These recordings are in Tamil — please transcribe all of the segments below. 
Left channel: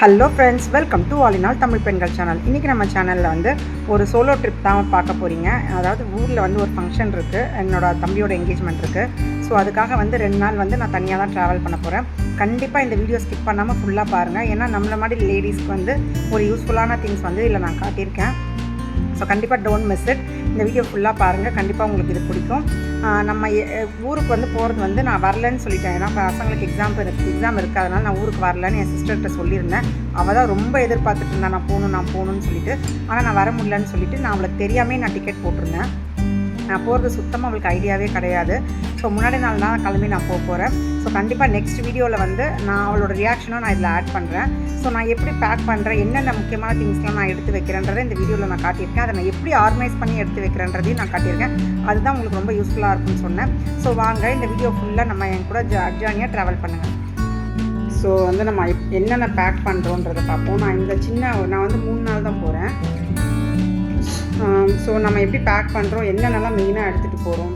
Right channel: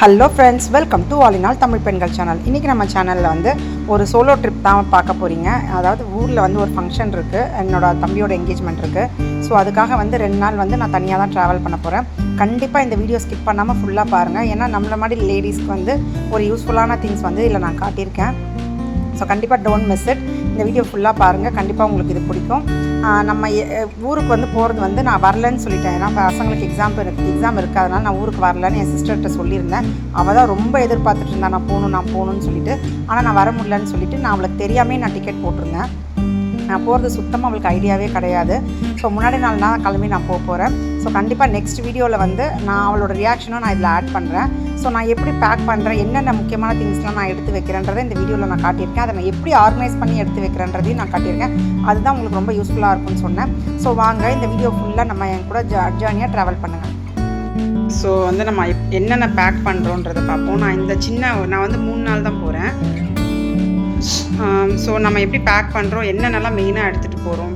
Hello friends, welcome to all in all Tamil பெண்கள் சேனல். இன்றைக்கி நம்ம சேனலில் வந்து ஒரு சோலோ ட்ரிப் தான் பார்க்க போகிறீங்க. அதாவது ஊரில் வந்து ஒரு ஃபங்க்ஷன் இருக்குது, என்னோடய தம்பியோட என்கேஜ்மெண்ட் இருக்குது. ஸோ அதுக்காக வந்து 2 நாள் வந்து நான் தனியாக தான் ட்ராவல் பண்ண போகிறேன். கண்டிப்பாக இந்த வீடியோ ஸ்கிப் பண்ணாமல் ஃபுல்லாக பாருங்கள். ஏன்னா நம்மள மாதிரி லேடிஸ்க்கு வந்து ஒரு யூஸ்ஃபுல்லான திங்ஸ் வந்து இதில் நான் காட்டியிருக்கேன். ஸோ கண்டிப்பாக டோன்ட் மிஸ் இட். இந்த வீடியோ ஃபுல்லாக பாருங்கள், கண்டிப்பாக உங்களுக்கு இது பிடிக்கும். நம்ம ஊருக்கு வந்து போகிறது வந்து நான் வரலன்னு சொல்லிட்டேன். ஏன்னா பசங்களுக்கு எக்ஸாம் இருக்குது, அதனால் நான் ஊருக்கு வரலன்னு என் சிஸ்டர்கிட்ட சொல்லியிருந்தேன். அவள் தான் ரொம்ப எதிர்பார்த்துட்டு இருந்தா நான் போகணும்னு சொல்லிட்டு. ஆனால் நான் வர முடியலன்னு சொல்லிட்டு நான் அவளுக்கு தெரியாமே நான் டிக்கெட் போட்டிருந்தேன். நான் போகிறது சுத்தமாக அவளுக்கு ஐடியாவே கிடையாது. ஸோ முன்னாடி நாள் தான் கிளம்பி நான் போகிறேன். ஸோ கண்டிப்பாக நெக்ஸ்ட் வீடியோவில் வந்து நான் அவளோட ரியாக்ஷனும் நான் இதில் ஆட் பண்ணுறேன். ஸோ நான் எப்படி பேக் பண்ணுறேன், என்னென்ன முக்கியமான திங்ஸ்லாம் நான் எடுத்து வைக்கிறேன்றதை இந்த வீடியோவில் நான் காட்டியிருக்கேன். அதை நான் எப்படி ஆர்கனைஸ் பண்ணி எடுத்து வைக்கிறேன்றதையும் நான் காட்டியிருக்கேன். அதுதான் உங்களுக்கு ரொம்ப யூஸ்ஃபுல்லாக இருக்கும்னு சொன்னேன். ஸோ வாங்க இந்த வீடியோ ஃபுல்லாக நம்ம என் கூட ஜேர்னியாக ட்ராவல் பண்ணுங்கள். ஸோ வந்து நம்ம என்னென்ன பேக் பண்ணுறோன்றதை பார்ப்போம். நான் வந்து 3 நாள் தான் போகிறேன். ஸோ நம்ம எப்படி பேக் பண்ணுறோம், என்னென்னலாம் மெயினாக எடுத்துகிட்டு போகிறோம்,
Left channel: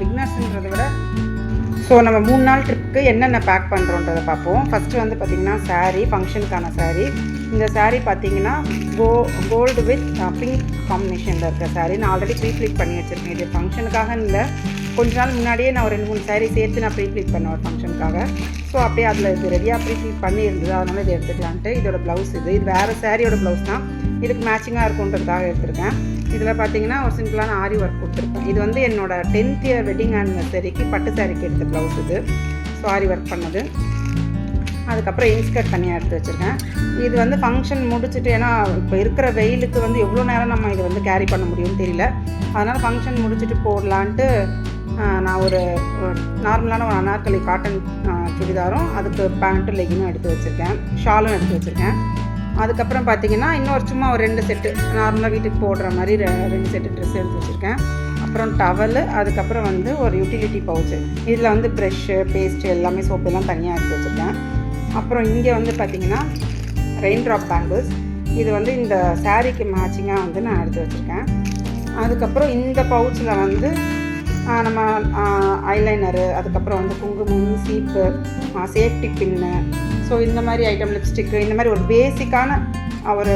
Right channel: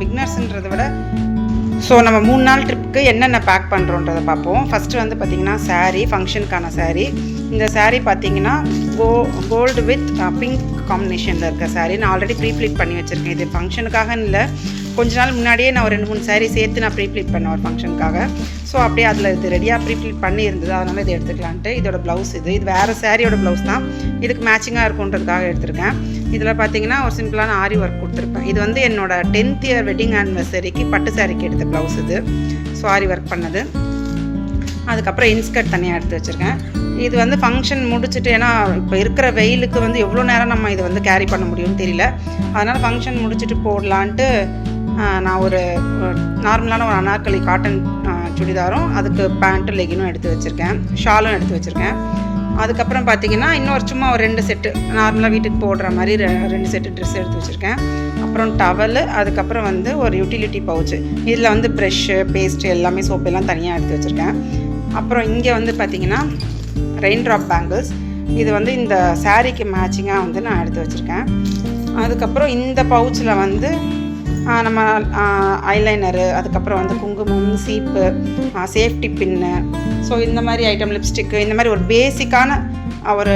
பிகினர்ஸுன்றதை விட ஸோ நம்ம 3 நாள் ட்ரிப்புக்கு என்னென்ன பேக் பண்ணுறோன்றதை பார்ப்போம். ஃபஸ்ட்டு வந்து பார்த்திங்கன்னா சாரீ, ஃபங்க்ஷனுக்கான சாரீ. இந்த சாரீ பார்த்திங்கன்னா கோல்டு வித் பிங்க் காம்பினேஷனில் இருக்க சாரீ. நான் ஆல்ரெடி ப்ரீப்ளீட் பண்ணி வச்சுருக்கேன். இது ஃபங்க்ஷனுக்காக இல்லை, கொஞ்ச நாள் முன்னாடியே நான் ஒரு 2-3 சாரீ சேர்த்து நான் ப்ரீப்ளீட் பண்ணேன் ஒரு ஃபங்க்ஷனுக்காக. ஸோ அப்படியே அதில் இது ரெடியாக ப்ரீப்ளீட் பண்ணி இருந்தது, அதனால் இது எடுத்துக்கலான்ட்டு. இதோட ப்ளவுஸ் இது வேறு சாரியோட ப்ளவுஸ் தான், இதுக்கு மேட்சிங்காக இருக்குன்றதுக்காக எடுத்திருக்கேன். இதில் பார்த்தீங்கன்னா ஒரு சிம்பிளான ஆரி ஒர்க் கொடுத்துருப்பேன். இது வந்து என்னோடய 10th இயர் வெட்டிங் ஆனிவர்சரிக்கு பட்டு சாரிக்கு எடுத்த ப்ளவுஸ் இது. ஸோ ஆரி ஒர்க் பண்ணது. அதுக்கப்புறம் இன்ஸ்கர்ட் தனியாக எடுத்து வச்சுருக்கேன். இது வந்து ஃபங்க்ஷன் முடிச்சுட்டு, ஏன்னா இப்போ இருக்கிற வெயிலுக்கு வந்து எவ்வளோ நேரம் நம்ம இதை வந்து கேரி பண்ண முடியும்னு தெரியல. அதனால் ஃபங்க்ஷன் முடிச்சுட்டு போடலான்ட்டு நான் ஒரு நார்மலான ஒரு அனார்கலி காட்டன் சுடிதாரும் அதுக்கு பேண்ட்டும் லெகினும் எடுத்து வச்சுருக்கேன், ஷாலும் எடுத்து வச்சுருக்கேன். அதுக்கப்புறம் பார்த்திங்கன்னா இன்னொரு சும்மா ஒரு 2 செட்டு நார்மலாக வீட்டுக்கு போடுற மாதிரி 2 செட்டு ட்ரெஸ் எடுத்து வச்சுருக்கேன். அப்புறம் டவலு, அதுக்கப்புறம் வந்து ஒரு யூட்டிலிட்டி பவுச்சு. இதில் வந்து ப்ரெஷ்ஷு, பேஸ்ட்டு, எல்லாமே சோப்பு எல்லாம் தனியாக எடுத்து வச்சுருக்கேன். அப்புறம் இங்கே வந்து பார்த்திங்கன்னா ரெயின் ட்ராப் பேங்கிள்ஸ். இது வந்து இந்த சாரீக்கு மேட்சிங்காக வந்து நான் எடுத்து வச்சுருக்கேன். அதுக்கப்புறம் இந்த பவுச்சில் வந்து நம்ம ஐலைனரு, அதுக்கப்புறம் வந்து குங்குமம், சீப்பு, சேஃப்டி பின்னு, ஸோ இந்த மாதிரி ஐட்டம், லிப்ஸ்டிக்கு, இந்த மாதிரி ஒரு பேசிக்கான ஒரு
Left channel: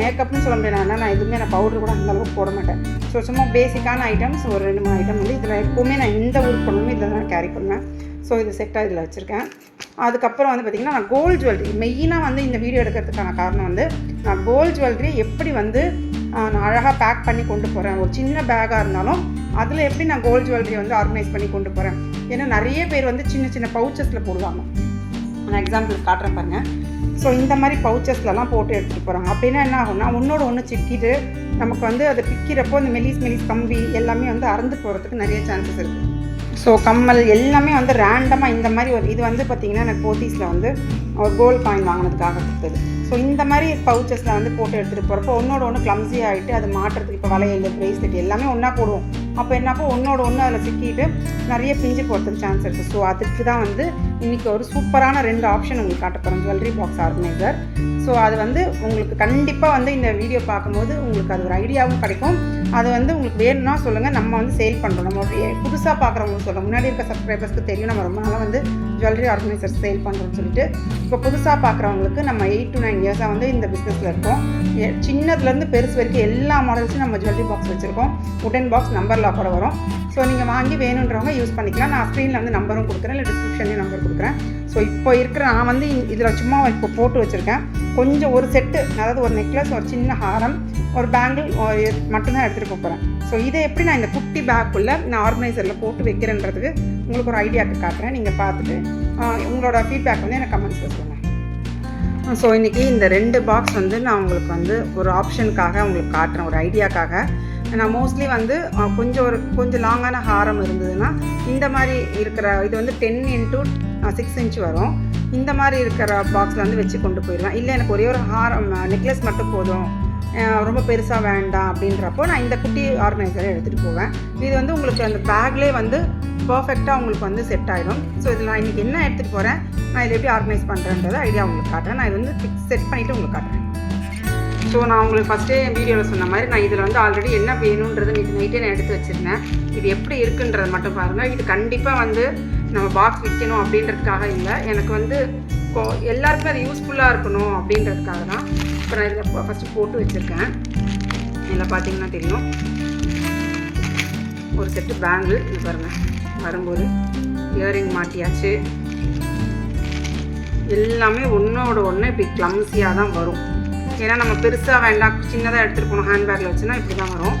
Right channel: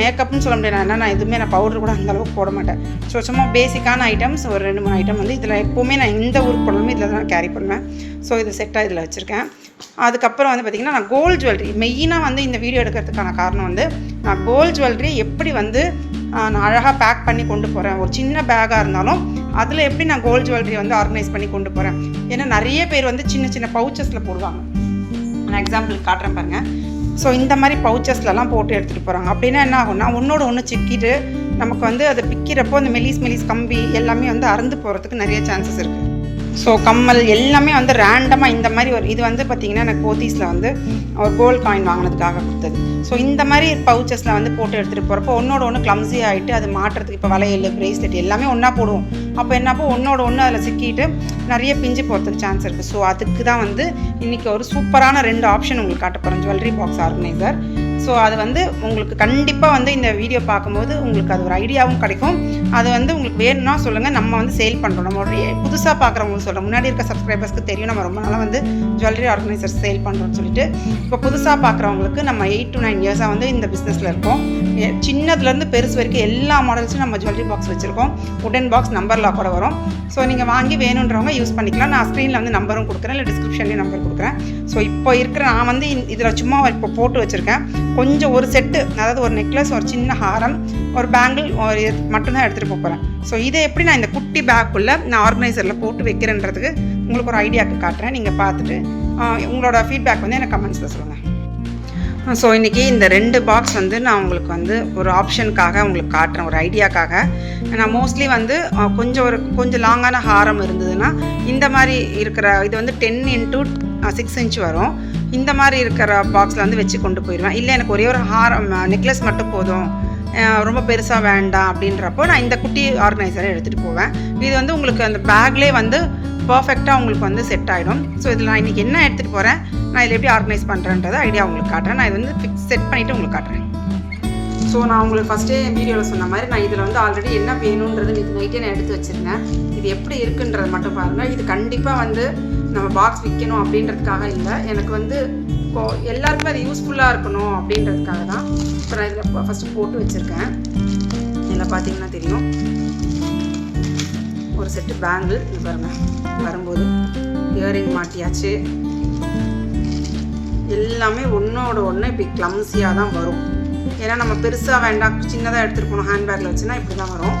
மேக்கப்னு சொல்ல முடியாது. நான் எதுவுமே நான் பவுடர் கூட அந்தளவுக்கு போட மாட்டேன். ஸோ சும்மா பேசிக்கான ஐட்டம்ஸ் ஒரு 2-3 ஐட்டம் வந்து இதில் எப்போவுமே நான் இந்த ஊருக்கு போனாலுமே இதில் தான் கேரி பண்ணுவேன். ஸோ இது செட்டாக இதில் வச்சுருக்கேன். அதுக்கப்புறம் வந்து பார்த்திங்கன்னா நான் கோல்டு ஜுவல்லரி மெயினாக வந்து இந்த வீடியோ எடுக்கிறதுக்கான காரணம் வந்து நான் கோல்டு ஜுவல்லரி எப்படி வந்து நான் அழகாக பேக் பண்ணி கொண்டு போகிறேன். ஒரு சின்ன பேக்காக இருந்தாலும் அதில் எப்படி நான் கோல்டு ஜுவல்லரி வந்து ஆர்கனைஸ் பண்ணி கொண்டு போகிறேன். ஏன்னா நிறைய பேர் வந்து சின்ன சின்ன பவுச்சஸில் போடுவாங்க. நான் எக்ஸாம்பிள் காட்டுறேன் பாருங்கள். ஸோ இந்த மாதிரி பவுச்சஸ்லலாம் போட்டு எடுத்துகிட்டு போகிறாங்க. அப்படின்னா என்ன ஆகும்னா ஒன்றோட ஒன்று சிக்கிட்டு நமக்கு வந்து அதை பிக்கிறப்போ அந்த மெலிஸ் கம்பி எல்லாமே வந்து அறுந்து போகிறதுக்கு நிறைய சான்சஸ் இருக்குது. ஸோ கம்மல் எல்லாமே வந்து ரேண்டமாக இந்த மாதிரி இது வந்து பார்த்திங்கன்னா எனக்கு போத்தீஸில் வந்து ஒரு கோல்டு காயின் வாங்கினதுக்காக கொடுத்தது. ஸோ இந்த மாதிரி பவுச்சஸில் வந்து போட்டு எடுத்துகிட்டு போகிறப்போ ஒன்றோட ஒன்று கிளம்ஸி ஆகிட்டு அது மாட்டுறதுக்கு இப்போ வளையல், பிரேஸ்லெட் எல்லாமே ஒன்றா போடுவோம். அப்போ என்னப்போ ஒன்றோட ஒன்று அதில் சிக்கிட்டு நிறைய பிஞ்சு போகிறதுக்கு சான்ஸ் இருக்குது. ஸோ அதுக்கு தான் வந்து இன்றைக்கி ஒரு சூப்பரான 2 ஆப்ஷன் உங்களுக்கு காட்ட போகிறேன், ஜுவல்லரி பாக்ஸ் ஆர்கனைசர். ஸோ அது வந்து உங்களுக்கு கண்டிப்பாக வந்து இந்த வீடியோ பார்க்கும்போது உங்களுக்கு அது ஒரு ஐடியாவும் கிடைக்கும். அது வந்து உங்களுக்கு வேணும்னா சொல்லுங்கள், நம்ம வந்து சேல் பண்ணுறோம். நம்ம புதுசாக பார்க்குறவங்களுக்கு சொல்கிறோம். முன்னாடி இருக்க சப்ஸ்கிரைபர்ஸ்க்கு தெரியும் நம்ம ரொம்ப நாளாக வந்து ஜுவல்லரி ஆர்கனைசர் சேல் பண்ணுறோம்னு சொல்லிட்டு. இப்போ புதுசாக பார்க்குறவங்களுக்கு நம்ம 8 to 9 இயர்ஸாக வந்து இந்த பிஸ்னஸில் இருக்கோம். சின்னதுலேருந்து பெருசு வரைக்கும் எல்லா மாடல்ஸும் நம்ம ஜுவல்லரி பாக்ஸ் வச்சுருக்கோம். உடன் பாக்ஸ் நம்பர் லாக்கோட வரும். ஸோ நீங்கள் வாங்கி வேணுன்றவங்க யூஸ் பண்ணிக்கலாம். நான் ஸ்க்ரீனில் வந்து நம்பரும் கொடுக்குறேன், இல்லை டிஸ்கிரிப்ஷன்லேயும் நம்பர் கொடுக்குறேன். ஸோ இப்போ இருக்கிற நான் வந்து இதில் சும்மா இப்போ போட்டு வச்சுருக்கேன். கொஞ்சம் ஒரு செட்டு, அதாவது ஒரு நெக்லஸ், ஒரு சின்ன ஹாரம், ஒரு பேங்கிள் மட்டும்தான் எடுத்துகிட்டு போகிறேன். ஸோ இதை எப்படி நான் இந்த குட்டி பேக்குள்ளே நான் ஆர்கனைசரில் போட்டு வைக்கிறேன்றதுக்கு உங்களுக்கு ஒரு ஐடியாவுக்கு காட்டுறேன். நீங்கள் பார்த்துட்டு உங்களோட ஃபீட்பேக் வந்து எனக்கு கமெண்ட்ஸில் சொல்லுங்கள். ஸோ இன்றைக்கி இந்த 2 பாக்ஸ் வந்து நான் உங்களுக்கு வந்து ஒரு ஆப்ஷனுக்காக உங்களுக்கு காட்டுறேன், ஒரு ஐடியாக்காக. நான் மோஸ்ட்லி வந்து கொஞ்சம் லாங்கான ஹாரம் இருந்ததுன்னா இந்த மாதிரி இருக்கிற இது வந்து 10 into 6 inch வரும். இந்த மாதிரி இருக்கிற பாக்ஸில் வந்து வச்சு கொண்டு போயிடுவேன். இல்லை எனக்கு ஒரே ஒரு ஹாரம் நெக்லஸ் மட்டும் போதும், ரொம்ப பெருசாக வேண்டாம் அப்படின்றப்போ நான் இந்த குட்டி ஆர்கனைசரை எடுத்துகிட்டு போவேன். இது வந்து உங்களுக்கு அந்த பேக்லேயே வந்து பர்ஃபெக்டாக உங்களுக்கு வந்து செட் ஆகிடும். ஸோ இதில் நான் இன்றைக்கி என்ன எடுத்துகிட்டு போகிறேன், நான் இதில் எப்படி ஆர்கனைஸ் பண்ணுறேன்றதை ஐடியா உங்களுக்கு காட்டுறேன். நான் இது வந்து செட் பண்ணிவிட்டு உங்களுக்கு காட்டுறேன். ஸோ நான் உங்களுக்கு ஃபஸ்ட்டே வீடியோவில் சொன்ன மாதிரி நான் இதில் வந்து ஆல்ரெடி என்ன வேணுன்றது நைட்டே நான் எடுத்து வச்சுருந்தேன். இது எப்படி இருக்குன்றது மட்டும் பாருங்கள். இது கண்டிப்பாக வந்து நம்ம பாக்ஸ் விற்கணும் அப்படின்றதுக்காக இல்லை, எனக்கு வந்து இப்போது எல்லாருக்குமே அது யூஸ்ஃபுல்லாக இருக்கணும் அப்படின்றதுக்காக தான் இப்போ நான் இதில் ஃபஸ்ட்டு போட்டு வச்சுருக்கேன். இதில் பார்த்தீங்கன்னா தெரியும் ஒரு செட்டு பேங்கிள் இது பாருங்கள். வரும்போது இயரிங் மாட்டியாச்சு. எல்லாமே ஒன்றோட ஒன்று இப்படி கிளம்ஸியாக தான் வரும். ஏன்னா நம்ம பெருசாக வேண்டாம், சின்னதாக எடுத்துகிட்டு போகணும் ஹேண்ட்பேக்கில் வச்சுன்னா இப்படி தான் வரும்.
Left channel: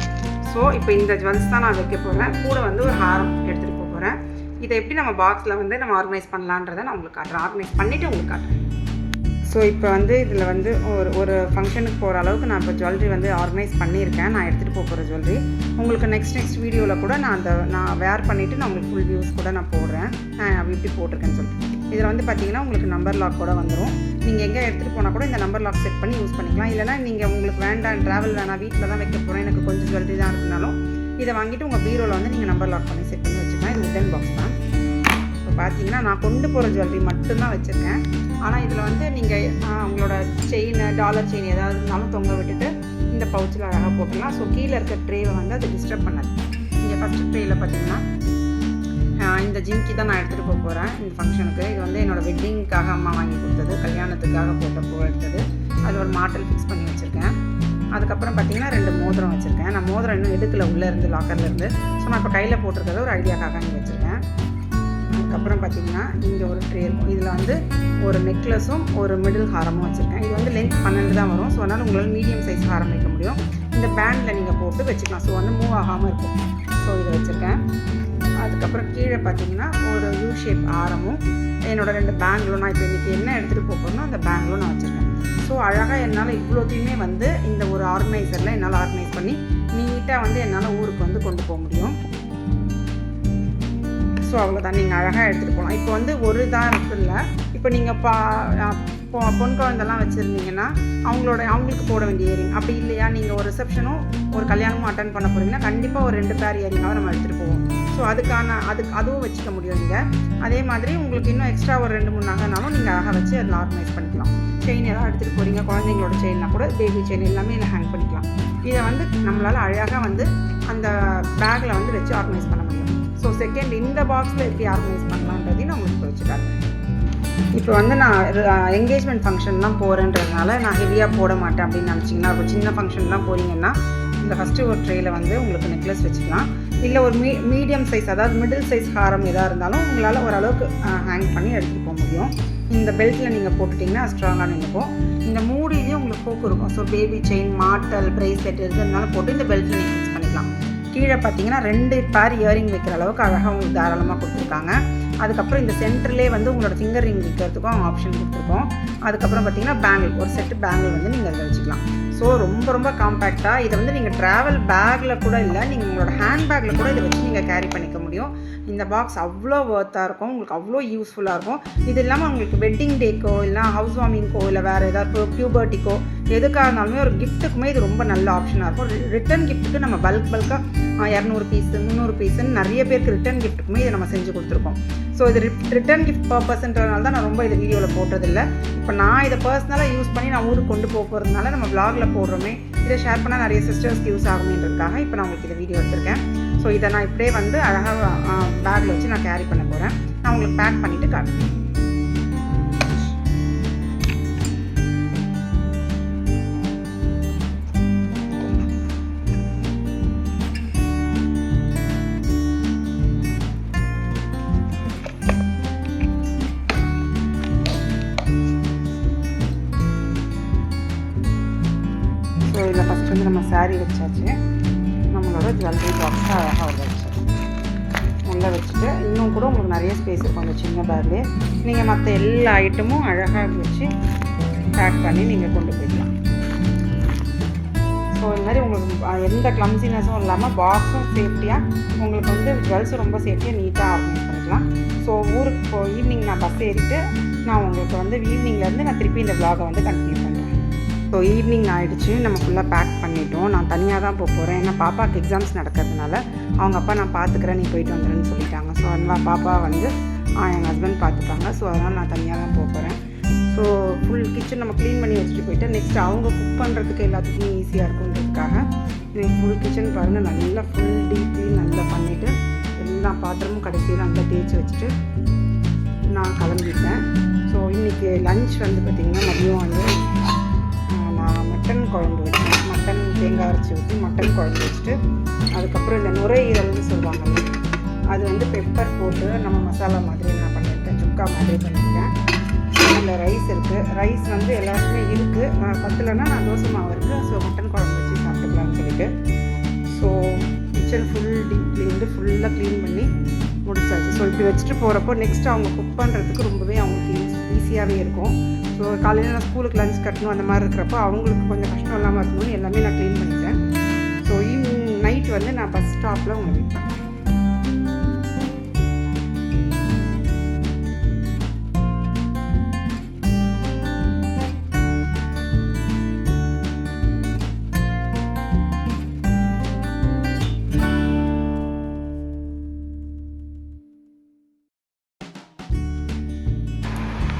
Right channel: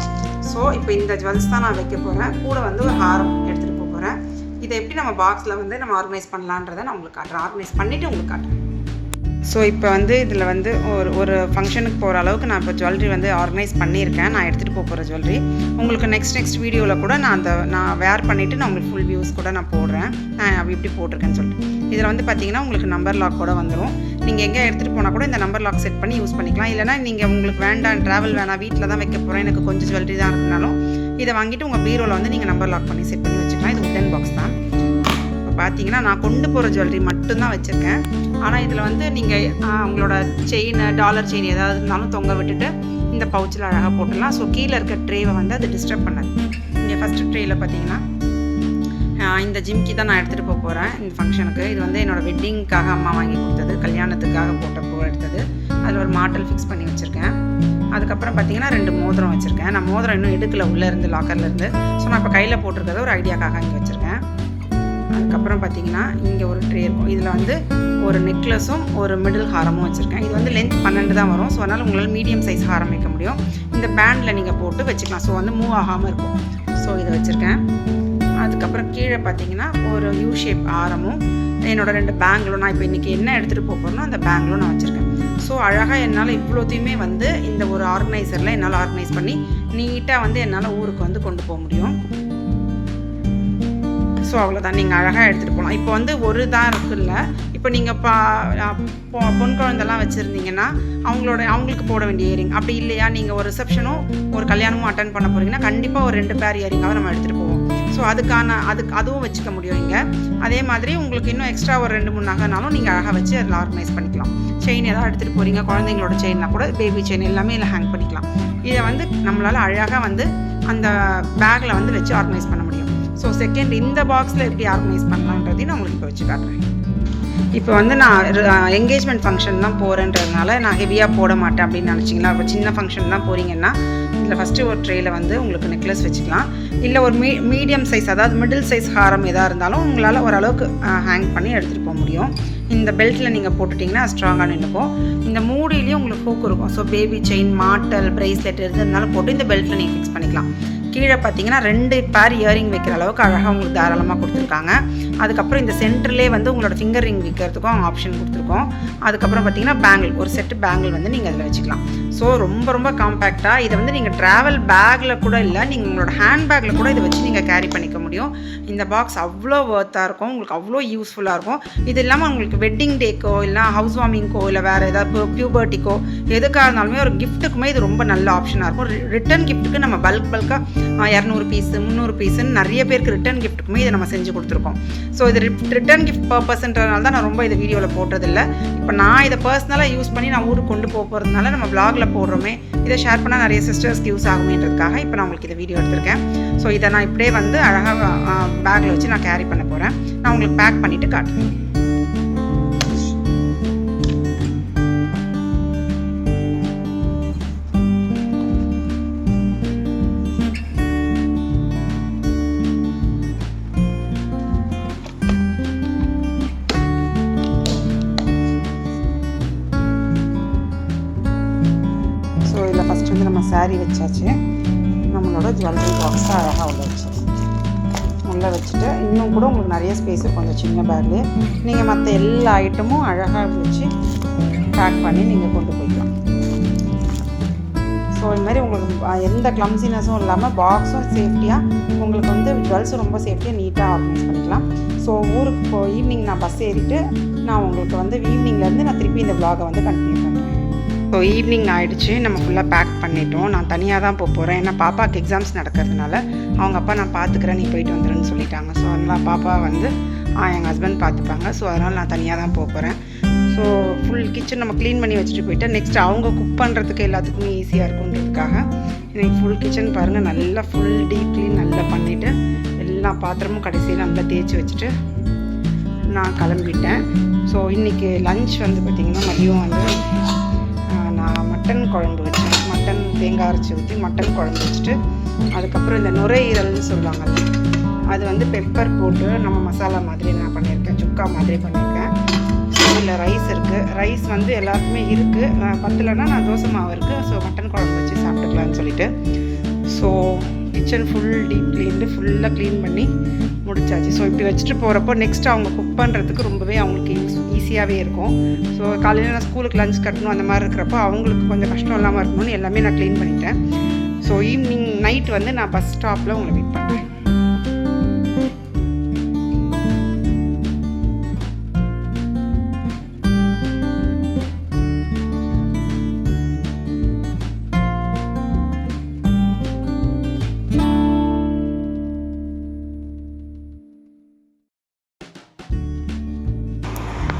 ஸோ இப்போ இந்த ஜுவல்ஸ் தான் நான் வைக்க போகிறேன். கூட வந்து ஒரு ஹாரம் எடுத்துகிட்டு போகிறேன். இதை எப்படி நம்ம பாக்ஸில் வந்து நம்ம ஆர்கனைஸ் பண்ணலான்றதை நான் உங்களுக்கு காட்டுறேன். ஆர்கனைஸ் பண்ணிவிட்டு உங்களுக்கு காட்டுறேன். ஸோ இப்போ வந்து இதில் வந்து ஒரு ஃபங்க்ஷனுக்கு போகிற அளவுக்கு நான் இப்போ ஜுவல்லரி வந்து ஆர்கனைஸ் பண்ணியிருக்கேன். நான் எடுத்துகிட்டு போகிற ஜுவல்லரி உங்களுக்கு நெக்ஸ்ட் வீடியோவில் கூட நான் வேர் பண்ணிவிட்டு நான் உங்களுக்கு ஃபுல் வியூஸ் கூட நான் போடுறேன். நான் எப்படி போட்டிருக்கேன்னு சொல்லிட்டு. இதில் வந்து பார்த்தீங்கன்னா உங்களுக்கு நம்பர் லாக் கூட வந்துடும். நீங்கள் எங்கே எடுத்துகிட்டு போனால் கூட இந்த நம்பர் லாக் செட் பண்ணி யூஸ் பண்ணிக்கலாம். இல்லைனா நீங்கள் உங்களுக்கு வேண்டாம், ட்ராவல் வேணாம், வீட்டில் தான் வைக்க போகிறேன், எனக்கு கொஞ்சம் ஜுவல்லரி தான் இருக்குனாலும் இதை வாங்கிட்டு உங்கள் பீரோவில் வந்து நீங்கள் நம்பர் லாக் பண்ணி செட் பண்ணி வச்சுக்கலாம். இது உட்டன் பாக்ஸ் தான். இப்போ பார்த்தீங்கன்னா நான் கொண்டு போகிற ஜுவல்லரி மட்டும்தான் வச்சுருக்கேன். ஆனால் இதில் வந்து நீங்கள் உங்களோட செயின், டாலர் செயின் ஏதாவது இருந்தாலும் தொங்க விட்டுட்டு இந்த பவுச்சில் அழகாக போட்டுடலாம். ஸோ கீழே இருக்க ட்ரேவை வந்து அது டிஸ்டர்ப் பண்ணாது. இங்கே ஃபஸ்ட்டு ட்ரேயில் பார்த்தீங்கன்னா இந்த ஜிம்கி தான் நான் எடுத்துகிட்டு போக போகிறேன் இந்த ஃபங்க்ஷனுக்கு. இது வந்து என்னோடய வெட்டிங்க்காக அம்மா வாங்கி கொடுத்தது, கல்யாணத்துக்காக போட்டப்போ எடுத்தது. அதில் ஒரு மாட்டல் ஃபிக்ஸ் பண்ணி வச்சுருக்கேன். அதுக்கப்புறம் பார்த்தீங்கன்னா 2 மோதிரம் வச்சுருக்கேன். நான் மோதிரம் இன்னும் எடுக்கல உள்ளே இருந்து லாக்கர்லேருந்து. ஸோ நான் இப்போ கையில் போட்டிருக்கிறத ஒரு ஐடியாக்காக இங்கே வச்சுருக்கேன். அதுக்கப்புறம் பார்த்தீங்கன்னா இங்கே ஒரு ட்ரே இருக்கும். இதில் வந்து ஒரு நெக்லஸும் ஒரு மிடில் ஹாரமும் வச்சுருக்கேன். இது வந்து லென்த் 12 தான் வரும். ஸோ அதனால் உங்களால் மீடியம் சைஸ் ஹாரம் வைக்க முடியும். இந்த பேண்டில் நீங்கள் போட்டு வச்சுக்கலாம். ஸோ வந்து மூவ் ஆகாமல் இருக்கும். ஸோ இதை வச்சுருக்கேன். அதுக்கப்புறம் கீழே பார்த்தீங்கன்னா ஒரு யூ ஷேப் ஆரமும் என்னோடய 2 பேங்கிளும், நான் இப்போ இன்றைக்கி என்ன எடுத்துகிட்டு போகிறேனோ அந்த பேங்கிளும் நான் வச்சுருக்கேன். ஸோ அழகாக என்னால் இவ்வளோத்தையுமே வந்து இந்த ஒரு ஆர்கனைசரில் என்னால் ஆர்கனைஸ் பண்ணி நீட்டாக வந்து என்னால் ஊருக்கு வந்து கொண்டு போக முடியும். ஸோ அவ்வளோதான், நீங்கள் அழகாக எடுத்துகிட்டு போகலாம். இப்போ வந்து ஒரு தான் இருக்குல்ல, இப்போ நீங்கள் பொன் குழந்தெல்லாம் வச்சுருந்தீங்கன்னா அவங்களுக்கு போட வேண்டிய இயரிங், அப்படி இல்லையா நீங்கள் ஒரு ரிசப்ஷனும் ஒரு கல்யாணமும் அட்டன் பண்ண போகிறீங்கன்னா கண்டிப்பாக ஒரு 2 பேர் இயரிங்காக நம்ம எடுத்துகிட்டு போவோம். ஸோ அதுவும் வச்சுக்க முடியும் இங்கே. அதே மாதிரி உங்களுக்கு இன்னும் எக்ஸ்ட்ரா ஒரு 2-3 நகைனாலும் நீங்கள் அழகாக வச்சு அதில் ஆர்கனைஸ் பண்ணிக்கலாம். செயின் ஏதாவது எடுத்துகிட்டு போகிறீங்க, குழந்தைங்களோட செயின்னா கூட பேபி செயின் எல்லாமே இதில் ஹேங் பண்ணிக்கலாம். இதை வந்து நம்மளால் அழகாக வந்து அந்த பேக்கில் வந்து வச்சு ஆர்கனைஸ் பண்ண முடியும். ஸோ செகண்ட் இந்த பாக்ஸில் எப்படி ஆர்கனைஸ் பண்ணலான்றதையும் நான் உங்களுக்கு இப்போ வச்சு காட்டுறேன். இப்போ வந்து நான் என்கேஜ்மெண்ட் ஃபங்க்ஷன் தான் போகிறேன்றதுனால நான் ஹெவியாக போட மாட்டேன் அப்படின்னு நினச்சிங்களா. இப்போ சின்ன ஃபங்க்ஷன் தான் போகிறீங்கன்னா இதில் ஃபஸ்ட்டு ஒரு ட்ரேயில் வந்து உங்களுக்கு நெக்லஸ் வச்சுக்கலாம். இல்லை ஒரு மீடியம் சைஸ், அதாவது மிடில் சைஸ் ஹாரம் எதாக இருந்தாலும் உங்களால் ஓரளவுக்கு ஹேங் பண்ணி எடுத்துகிட்டு போக முடியும். இந்த பெல்ட்டில் நீங்கள் போட்டுட்டிங்கன்னா ஸ்ட்ராங்காக நின்றுக்கும். இந்த மூடியிலையும் உங்களுக்கு ஹூக் இருக்கும். ஸோ பேபி செயின், மாட்டல், ப்ரைஸ்லெட் எது இருந்தாலும் போட்டு இந்த பெல்ட்டில் நீங்கள் ஃபிக்ஸ் பண்ணிக்கலாம். கீழே பார்த்தீங்கன்னா 2 பேர் இயரிங் வைக்கிற அளவுக்கு அழகாக உங்களுக்கு தாராளமாக கொடுத்துருக்காங்க. அதுக்கப்புறம் இந்த சென்டர்லேயே வந்து உங்களோட ஃபிங்கர் ரிங் வைக்கிறதுக்கும் ஆப்ஷன் கொடுத்துருக்கோம். அதுக்கப்புறம் பார்த்தீங்கன்னா பேங்கிள், ஒரு செட்டு பேங்கிள் வந்து நீங்கள் அதில் வச்சுக்கலாம். ஸோ ரொம்ப ரொம்ப காம்பேக்டாக இதை வந்து நீங்கள் ட்ராவல் பேக்கில் கூட இல்லை, நீங்கள் உங்களோட ஹேண்ட் பேக்கில் கூட இதை வச்சு நீங்கள் கேரி பண்ணிக்க முடியும். இந்த பாக்ஸ் அவ்வளோ ஒர்த்தாக இருக்கும், உங்களுக்கு அவ்வளோ யூஸ்ஃபுல்லாக இருக்கும். இது இல்லாமல் உங்களுக்கு வெட்டிங் டேக்கோ இல்லை ஹவுஸ் வார்மிங்க்கோ இல்லை வேறு ஏதாவது பியூபர்ட்டிக்கோ எதுக்காக இருந்தாலுமே ஒரு கிஃப்ட்டுக்குமே இது ரொம்ப நல்ல ஆப்ஷனாக இருக்கும். ரிட்டன் கிஃப்ட்டுக்கு நம்ம பல்காக 200 பீஸ் 300 பீஸுன்னு நிறைய பேருக்கு ரிட்டன் கிஃப்ட்டுக்குமே இதை நம்ம செஞ்சு கொடுத்துருக்கோம். ஸோ இது ரிட்டன் கிஃப்ட் பர்பஸ்ன்றதுனால தான் நான் ரொம்ப இதை வீடியோவில் போட்டதில்லை. இப்போ நான் இதை பர்சனலாக யூஸ் பண்ணி நான் ஊருக்கு கொண்டு போகிறதுனால நம்ம vlogல போடுறோமே, இதை ஷேர் பண்ணால் நிறைய சிஸ்டர்ஸ்க்கு யூஸ் ஆகுமேன்றதுக்காக இப்போ நான் உங்களுக்கு இந்த வீடியோ எடுத்திருக்கேன். ஸோ இதை நான் இப்படியே வந்து அழகாக பேக்கில் வச்சு நான் கேரி பண்ண போகிறேன். நான் உங்களுக்கு பேக் பண்ணிவிட்டு காட்டுறேன். ஸோ இதில் ஃபஸ்ட் வந்து நம்ம சாரீ வச்சாச்சு. நம்மளோட ஜுவல்லரி பாக்ஸை அழகாக உள்ள வச்சாச்சு. உள்ளே வச்சுட்டு இன்னும் கூட உங்களுக்கு நிறைய ஸ்பேஸ் இருக்கும் அந்த சின்ன பேக்லேயே. நீங்கள் மற்ற எல்லா ஐட்டமும் அழகாக வச்சு பேக் பண்ணி நீங்கள் கொண்டு போய்க்கலாம். ஸோ இது மாதிரி உங்களுக்கு எந்த கிளம்சினஸும் இல்லாமல் பாக்ஸும் சேஃப்டியாக உங்களுக்கு வந்து ஜுவல்ஸும் ரொம்ப சேஃப்டியாக நீட்டாக ஆர்கனைஸ் பண்ணிக்கலாம். ஸோ ஊருக்கு ஈவினிங் நான் பஸ் ஏறிட்டு நான் உங்களுக்கு வந்து ஈவினிங்லேருந்து நான் திருப்பி இந்த vlog-ஐ வந்து கண்டினியூ பண்ணுறேன். ஸோ ஈவினிங் ஆகிடுச்சு, நம்ம ஃபுல்லாக பேக் பண்ணிட்டோம். நான் தனியாக தான் போகிறேன். ஏன்னா பாப்பாவுக்கு எக்ஸாம்ஸ் நடக்கிறதுனால அவங்க அப்பா நான் பார்த்துக்கிறேன், நீ போயிட்டு வந்துடுன்னு சொல்லிட்டாங்க. ஸோ அதனால் பாப்பா வந்து எங்கள் ஹஸ்பண்ட் பார்த்துப்பாங்க. ஸோ அதனால் நான் தனியாக தான் போகிறேன். ஸோ ஃபுல் கிச்சன் நம்ம க்ளீன் பண்ணி வச்சுட்டு போயிட்டு நெக்ஸ்ட் அவங்க குக் பண்ணுறதுக்கு எல்லாத்துக்குமே ஈஸியாக இருக்குன்றதுக்காக எனக்கு ஃபுல் கிச்சன் பாருங்கள் நல்லா ஃபுல் டீப் க்ளீன் நல்லா பண்ணிவிட்டு எல்லா பாத்திரமும் கடைசியில் நல்லா தேய்ச்சி வச்சுட்டு நான் கிளம்பிட்டேன். ஸோ இன்றைக்கி லன்ச் வந்து பார்த்திங்கன்னா மதியம் வந்து நான் மட்டன் குழம்பு வச்சேன். மட்டன் தேங்காய் அரைச்சி ஊற்றி மட்டன் குழம்பு வச்சுட்டு அதுக்கப்புறம் இந்த நுரையீரல்னு சொல்லுவாங்கல்ல, அது வந்து பெப்பர் போட்டு நம்ம மசாலா மாதிரி நான் பண்ணியிருக்கேன், சுக்கா மாதிரி பண்ணியிருக்கேன். ஸோ இதில் ரைஸ் இருக்குது. ரைஸ் வந்து எல்லாருக்குமே இருக்குது, நான் பத்தலைன்னா நான் தோசை மாவு இருக்குது. ஸோ மட்டன் குழம்பு வச்சு சாப்பிட்டுக்கலான்னு சொல்லிட்டு so kitchen full deep cleaned ஃபுல்லாக க்ளீன் பண்ணி முடிச்சாச்சு. ஸோ இப்படி வச்சுட்டு போகிறப்போ நெக்ஸ்ட் அவங்க குக் பண்ணுறதுக்கு ரொம்பவே அவங்களுக்கு ஈஸியாகவே இருக்கும். ஸோ காலையில் நான் ஸ்கூலுக்கு லஞ்ச் கட்டணும் அந்த மாதிரி இருக்கிறப்போ அவங்களுக்கு கொஞ்சம் கஷ்டம் இல்லாமல் இருக்கணும்னு எல்லாமே நான் க்ளீன் பண்ணிட்டேன். ஸோ ஈவினிங் நைட் வந்து நான் பஸ் ஸ்டாப்பில் உங்களை வெயிட் பண்ணுறேன்.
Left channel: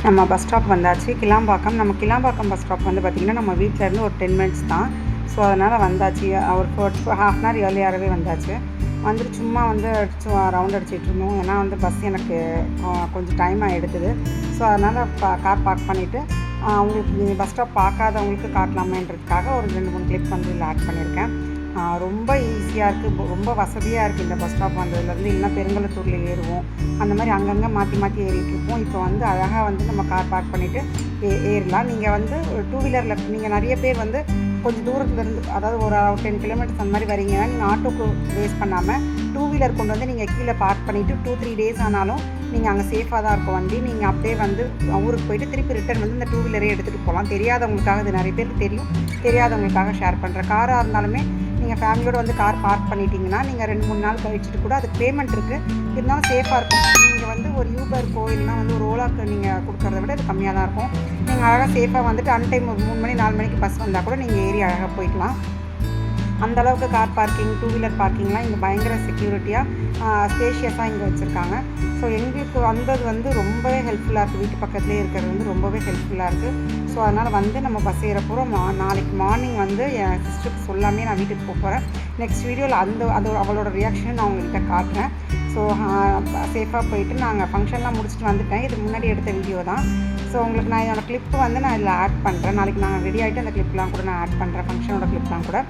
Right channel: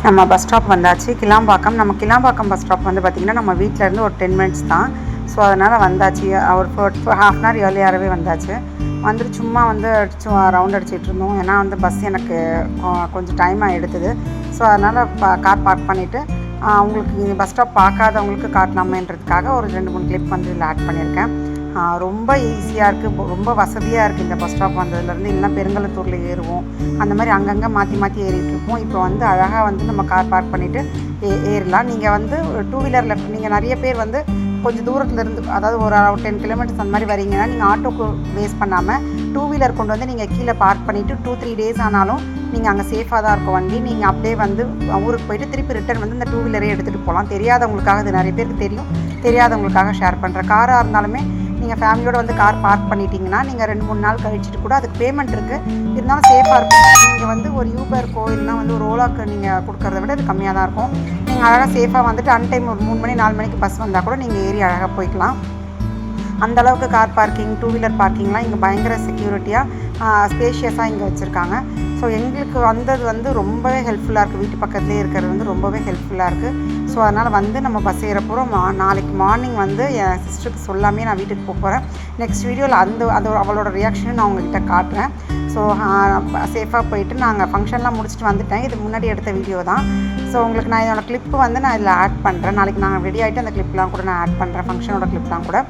நம்ம பஸ் ஸ்டாப் வந்தாச்சு, கிளாம்பாக்கம். நம்ம கிளாம்பாக்கம் பஸ் ஸ்டாப் வந்து பார்த்திங்கன்னா நம்ம வீட்டிலேருந்து ஒரு 10 மினிட்ஸ் தான். ஸோ அதனால் வந்தாச்சு, ஒரு 1/2 ஏர்லியாகவே வந்தாச்சு. வந்துட்டு சும்மா வந்து ரவுண்ட் அடிச்சிட்டு இருந்தோம். ஏன்னா வந்து பஸ் எனக்கு கொஞ்சம் டைமாக எடுத்தது. ஸோ அதனால் கார் பார்க் பண்ணிவிட்டு உங்களுக்கு பஸ் ஸ்டாப் பார்க்காதவங்களுக்கு காட்டலாமேன்றதுக்காக ஒரு 2-3 கிளிப் வந்து இதில் ஆட் பண்ணியிருக்கேன். ரொம்ப ஈஸியாக இருக்குது, ரொம்ப வசதியாக இருக்குது இந்த பஸ் ஸ்டாப் வந்ததுலேருந்து. இல்லைனா பெருங்கலத்தூரில் ஏறுவோம், அந்த மாதிரி அங்கங்கே மாற்றி ஏறிட்டுருப்போம். இப்போ வந்து அழகாக வந்து நம்ம கார் பார்க் பண்ணிவிட்டு ஏறலாம். நீங்கள் வந்து 2 வீலரில் நீங்கள் நிறைய பேர் வந்து கொஞ்சம் தூரத்துலேருந்து, அதாவது ஒரு 10 கிலோமீட்டர்ஸ் அந்த மாதிரி வரீங்கன்னா நீங்கள் ஆட்டோக்கு வேஸ்ட் பண்ணாமல் 2 வீலர் கொண்டு வந்து நீங்கள் கீழே பார்க் பண்ணிவிட்டு 2-3 டேஸ் ஆனாலும் நீங்கள் அங்கே சேஃபாக தான் இருக்கும் வண்டி. நீங்கள் அப்படியே வந்து ஊருக்கு போயிட்டு திருப்பி ரிட்டர்ன் வந்து இந்த 2 வீலரே எடுத்துகிட்டு போகலாம். தெரியாதவங்களுக்காக, இது நிறைய பேருக்கு தெரியும், தெரியாதவங்களுக்காக ஷேர் பண்ணுறேன். காராக இருந்தாலுமே நீங்கள் ஃபேமிலியோடு வந்து கார் பார்க் பண்ணிட்டீங்கன்னா நீங்கள் 2-3 நாள் கழிச்சிட்டு கூட அதுக்கு பேமெண்ட் இருக்குது, இருந்தாலும் சேஃபாக இருக்கும். நீங்கள் வந்து ஒரு யூபர்க்கோ இல்லைனா வந்து ஒரு ஓலாக்கு நீங்கள் கொடுக்குறத விட இது கம்மியாக தான் இருக்கும். நீங்கள் அழகாக சேஃபாக வந்துட்டு அன்டைம் ஒரு 3 மணி 4 மணிக்கு பஸ் வந்தால் கூட நீங்கள் ஏறி அழகாக போய்க்கலாம். அந்தளவுக்கு கார் பார்க்கிங், 2 வீலர் பார்க்கிங்லாம் இங்கே பயங்கர செக்யூரிட்டியாக ஸ்பேஷியஸாக இங்கே வச்சுருக்காங்க. ஸோ எங்களுக்கு வந்தது வந்து ரொம்பவே ஹெல்ப்ஃபுல்லாக இருக்குது. வீட்டு பக்கத்துலேயே இருக்கிறது வந்து ரொம்பவே ஹெல்ப்ஃபுல்லாக இருக்குது. ஸோ அதனால் வந்து நம்ம பஸ் ஏற போகிறோம். நாளைக்கு மார்னிங் வந்து என் சிஸ்டருக்கு சொல்லாமே நான் வீட்டுக்கு போகிறேன். நெக்ஸ்ட் வீடியோவில் அவளோட ரியாக்ஷனும் நான் உங்கள்கிட்ட காட்டுறேன். ஸோ சேஃபாக போயிட்டு நாங்கள் ஃபங்க்ஷன்லாம் முடிச்சுட்டு வந்துட்டேன். இது முன்னாடி எடுத்த வீடியோ தான். ஸோ உங்களுக்கு நான் என்னோடய கிளிப்பு வந்து நான் இதில் ஆட் பண்ணுறேன். நாளைக்கு நாங்கள் ரெடி ஆகிட்டு அந்த கிளிப்லாம் கூட நான் ஆட் பண்ணுறேன், ஃபங்க்ஷனோட கிளிப்லாம் கூட.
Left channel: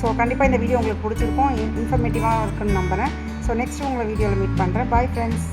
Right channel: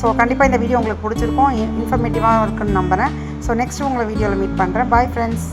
ஸோ கண்டிப்பாக இந்த வீடியோ உங்களுக்கு பிடிச்சிருக்கும், இன்ஃபர்மேட்டிவாக இருக்குன்னு நம்புகிறேன். ஸோ நெக்ஸ்ட்டு உங்களை வீடியோவில் மீட் பண்ணுறேன். Bye friends.